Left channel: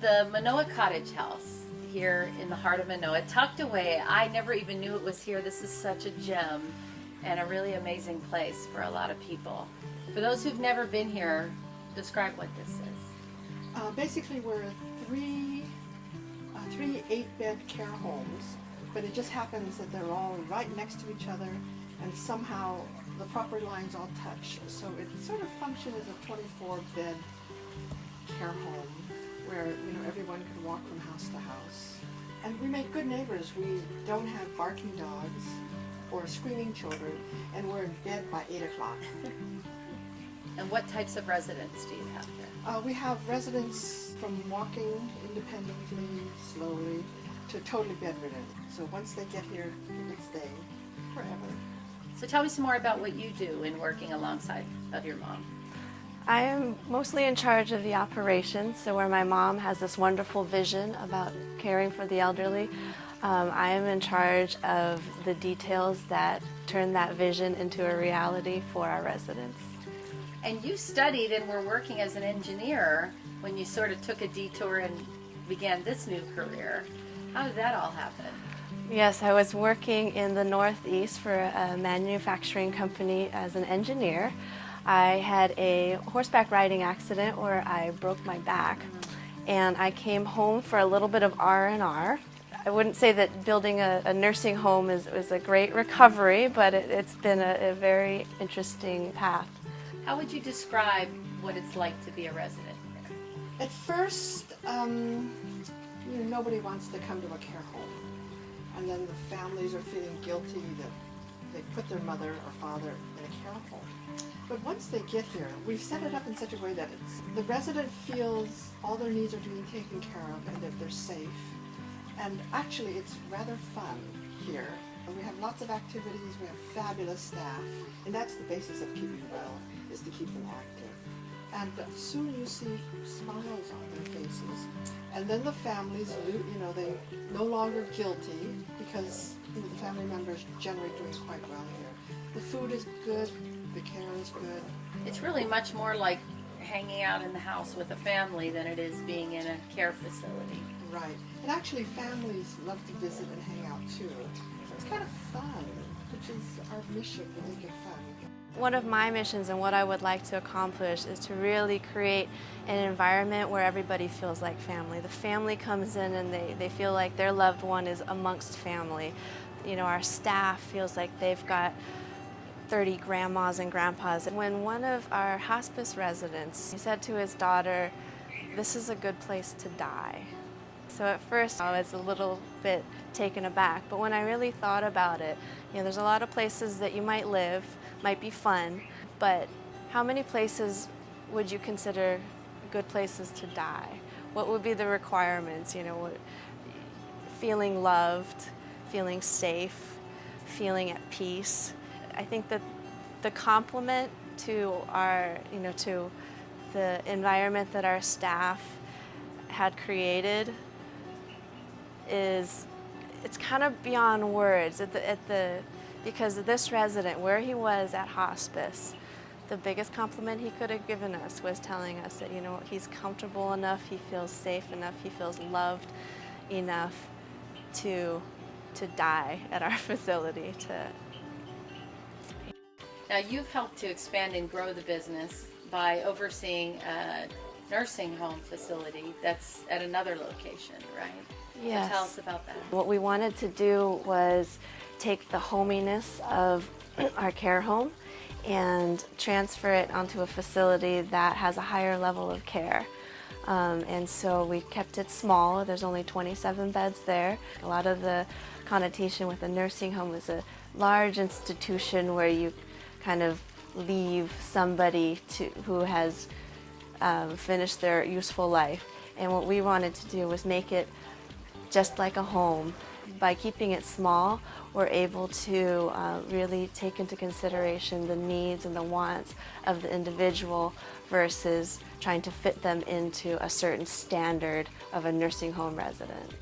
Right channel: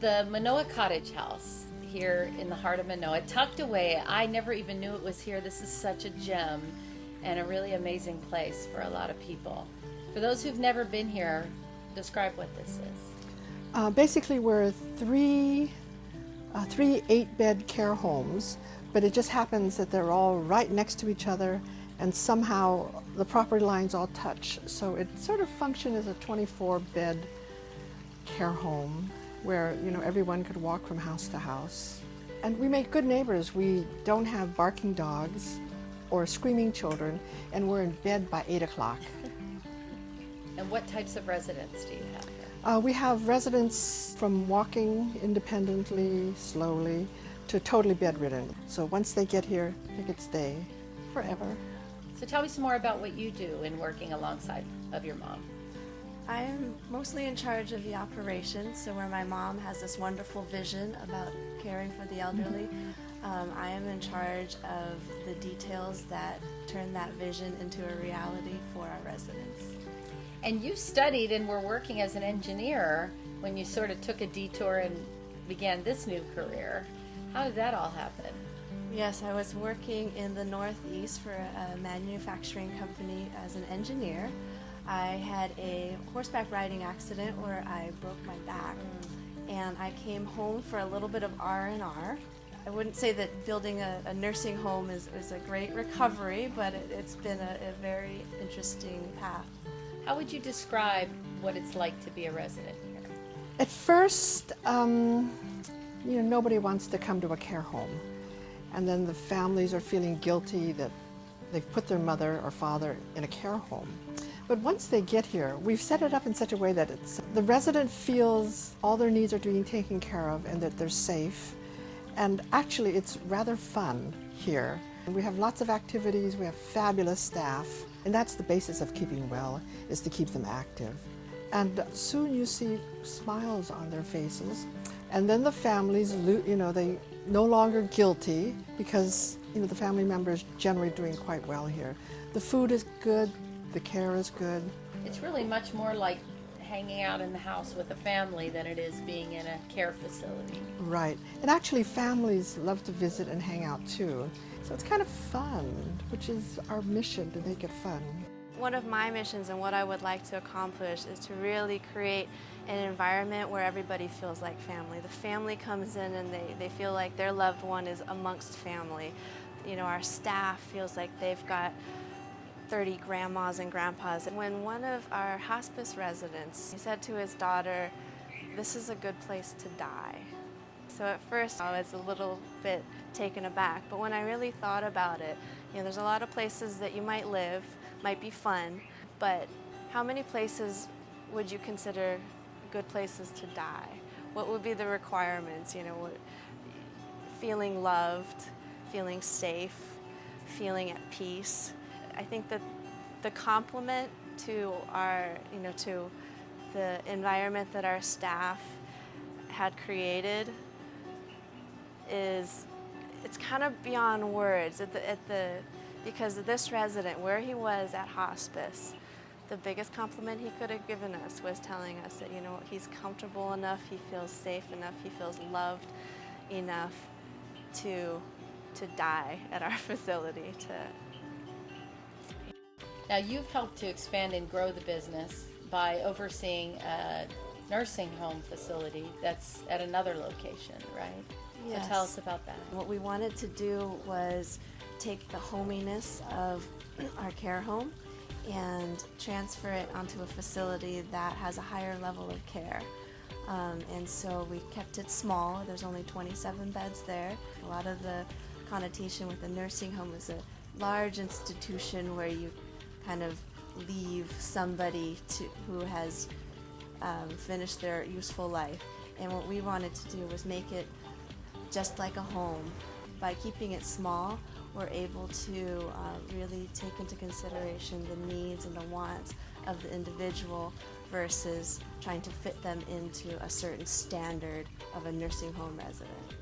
The Manoa Cottage house here in the heart of Manoa, tucked away. I never even knew it was here. This is such a gem and a really amazing place for a lot of people. For those who've never been here, describe what this is. Basically, we're three 8-bed care homes, but it just happens that they're all right next to each other, and somehow the property lines all touch. So it sort of functions as a 24-bed care home where everyone could walk from house to house. And we make good neighbors. We don't have barking dogs or screaming children, and we're in bed by 8 o'clock. And what types of residents do you have here? We have residents from walking independently, slowly, to totally bedridden. So once they get here, they could stay forever. So tell me some more about what you do in working alongside of your mom. I am mostly in charge of the operations, so where my mom has this wonderful vision about caring for the elderly, I am in charge of the details that turn that vision into a reality for our residents. And you studied and were working as an engineer when you sort of took a detour and began this new career. How did that all happen? Yes, I was working in the Northeast for a manufacturing company as an engineer. I had a horseback riding accident where I broke my back, and I came home for a little bit of R&R. I wouldn't say that building a nursing home was a great recovery, but it's been a very interesting path. How would you describe what it's like to be a resident here? At first, nobody wants to come to a care home. And then the families are feeling guilty that they've put their mother or father in a care home. But once they get here, we've set it up in such a way that the resident feels all their needs are being taken care of and that they're safe. And actually, it's rather fun here. We have lots of activities, we have fabulous staff, and that's the basis of keeping well, is to keep them active. And soon you see smiles on their faces. And then the families, they no longer guilty because the family members generally doing quite well here. The food is good, the care is good. It's really much more like hanging out in the house with a family than it is being in a care facility. Right. And actually families love to visit and hang out too. So it's kind of fun, which is our mission, to make it fun. One of my missions and what I would like to accomplish is to really create an environment where everybody feels like family. The family comes in and they feel like their loved one is amongst family. Our staff feels like they've got 30 grandmas and grandpas. When one of our hospice residents, he said to his daughter, "This is a good place to die." So at first I was a little bit taken aback, but when I really thought about it, there's a lot of places that you might live, might be fun, but how many places would you consider good places to die? What would be the requirements? Feeling loved, feeling safe, feeling at peace. I think that the complement to our, to the environment that our staff had created it's kind of beyond words. Because this resident, where he was at hospice, the biggest compliment he could have given us was telling us that he's comfortable enough, he feels safe enough, he feels loved enough to die at our facility. Now you've helped to expand and grow the business by overseeing a nursing home facility that's at another location, right? Yes. So tell us about that. What we wanted to do was take the hominess of our care home and transfer it onto a facility that has a higher level of care. And so we kept it small. There's only 27 beds there. A lot of the connotation with a nursing home is a large institution where you kind of leave somebody who has finished their useful life. And what we wanted to do was make it just like a home. By keeping it small, we're able to really take into consideration the needs and the wants of the individual versus trying to fit them into a certain standard of a nursing home resident.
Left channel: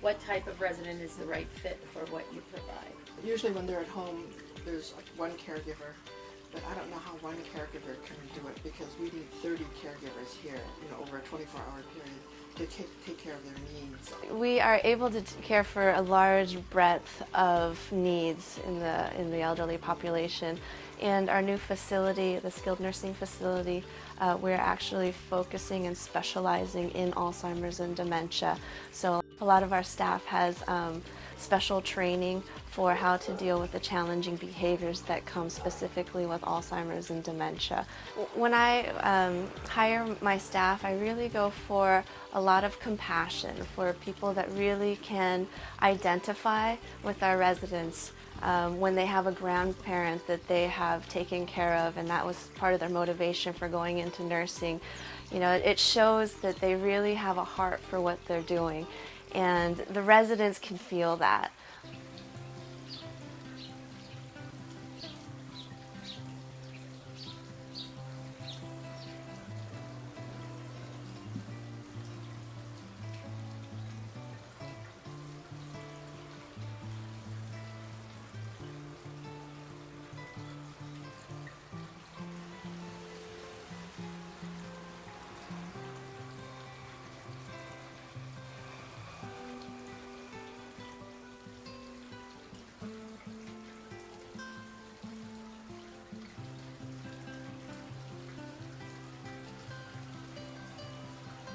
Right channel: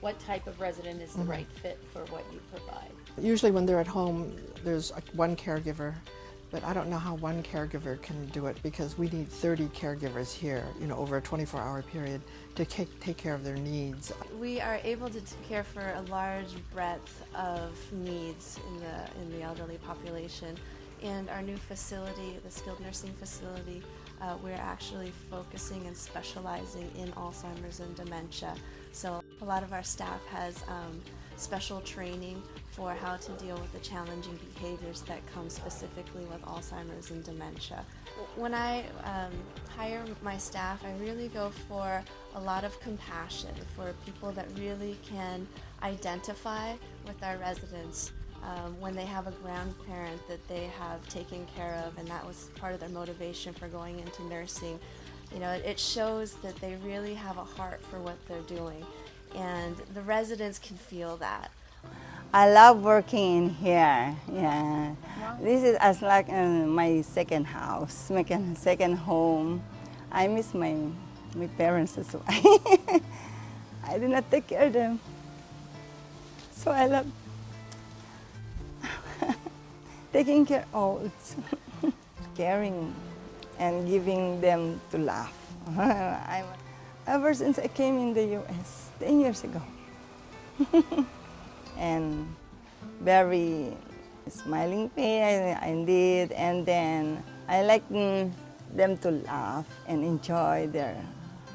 What type of resident is the right fit for what you provide? Usually when they're at home, there's one caregiver But I don't know how one caregiver can do it because we need 30 caregivers here, over a 24-hour period to take care of their needs. We are able to care for a large breadth of needs in the elderly population. And our new facility, the skilled nursing facility, we're actually focusing and specializing in Alzheimer's and dementia. So a lot of our staff has special training for how to deal with the challenging behaviors that come specifically with Alzheimer's and dementia. When I hire my staff, I really go for a lot of compassion for people that really can identify with our residents when they have a grandparent that they have taken care of, and that was part of their motivation for going into nursing. It shows that they really have a heart for what they're doing, and the residents can feel that. I love working in here. Yeah, this is as like my second house, my second home. I miss my parents as well. I did not take care of them, so I love taking care of caring and giving them to laugh. Ever since I came in the U.S. 10 years ago. And very smiling face I did, and then I like them to laugh and enjoy their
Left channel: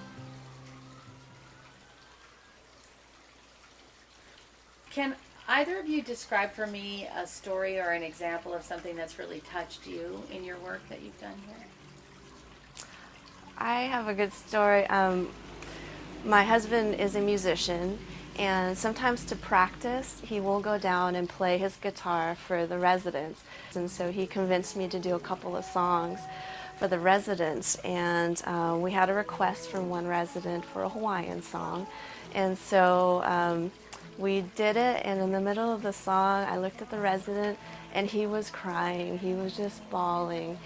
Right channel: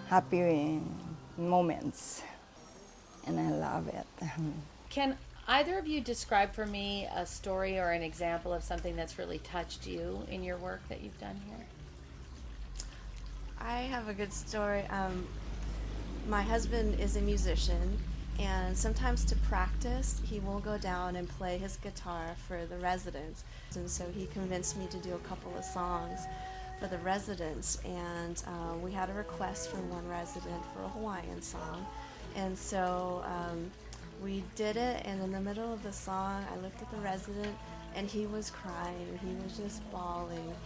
happy moments, and I love it. Can either of you describe for me a story or an example of something that's really touched you in your work that you've done here? I have a good story. My husband is a musician, and sometimes to practice, he will go down and play his guitar for the residents. And so he convinced me to do a couple of songs for the residents, and we had a request from one resident for a Hawaiian song. And so we did it, and in the middle of the song, I looked at the resident, and he was crying. He was just bawling.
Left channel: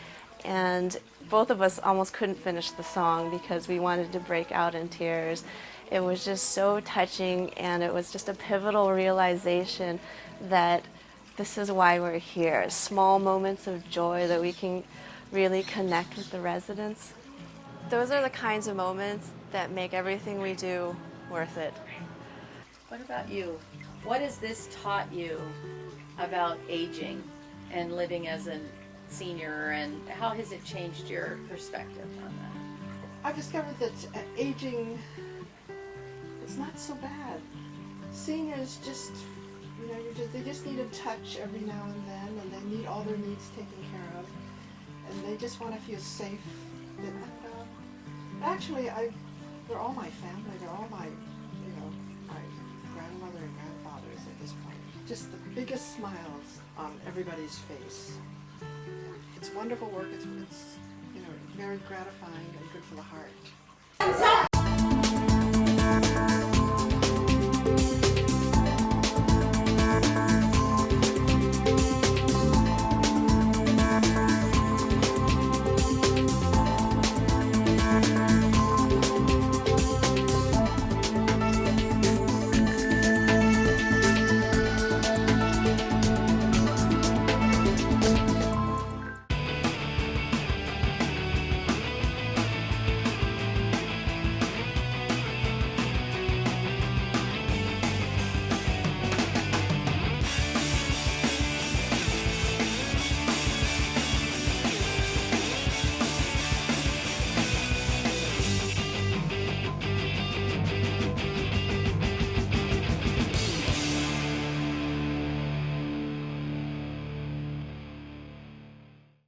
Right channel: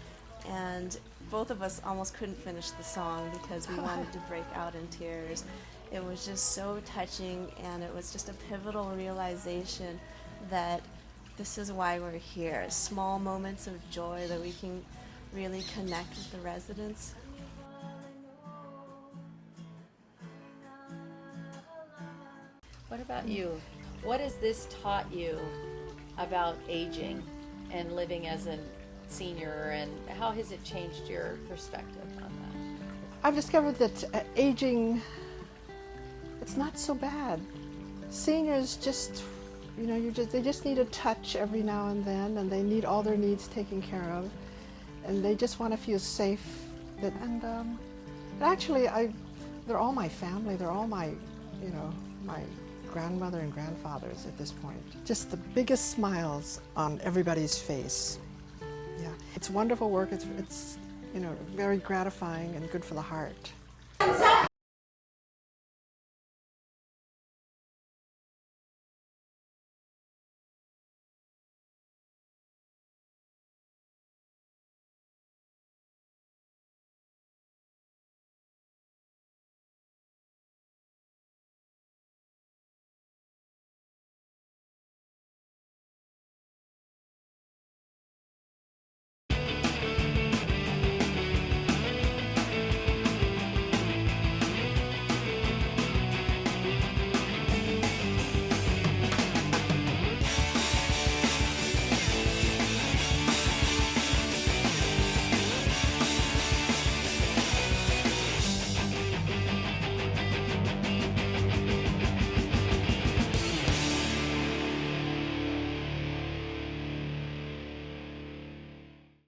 And both of us almost couldn't finish the song because we wanted to break out in tears. It was just so touching, and it was just a pivotal realization that this is why we're here. Small moments of joy that we can really connect with the residents. Those are the kinds of moments that make everything we do worth it. What about you? What has this taught you about aging and living as a senior, and how has it changed your perspective on that? I've discovered that aging, it's not so bad. Seniors just, they just need a touch every now and then, and they need all their needs taken care of, and they just want to feel safe. And actually, they're all my family. They're all my grandmother and grandfathers at this point. Just the biggest smiles on everybody's face. Yeah, it's wonderful work. It's very gratifying and good for the heart.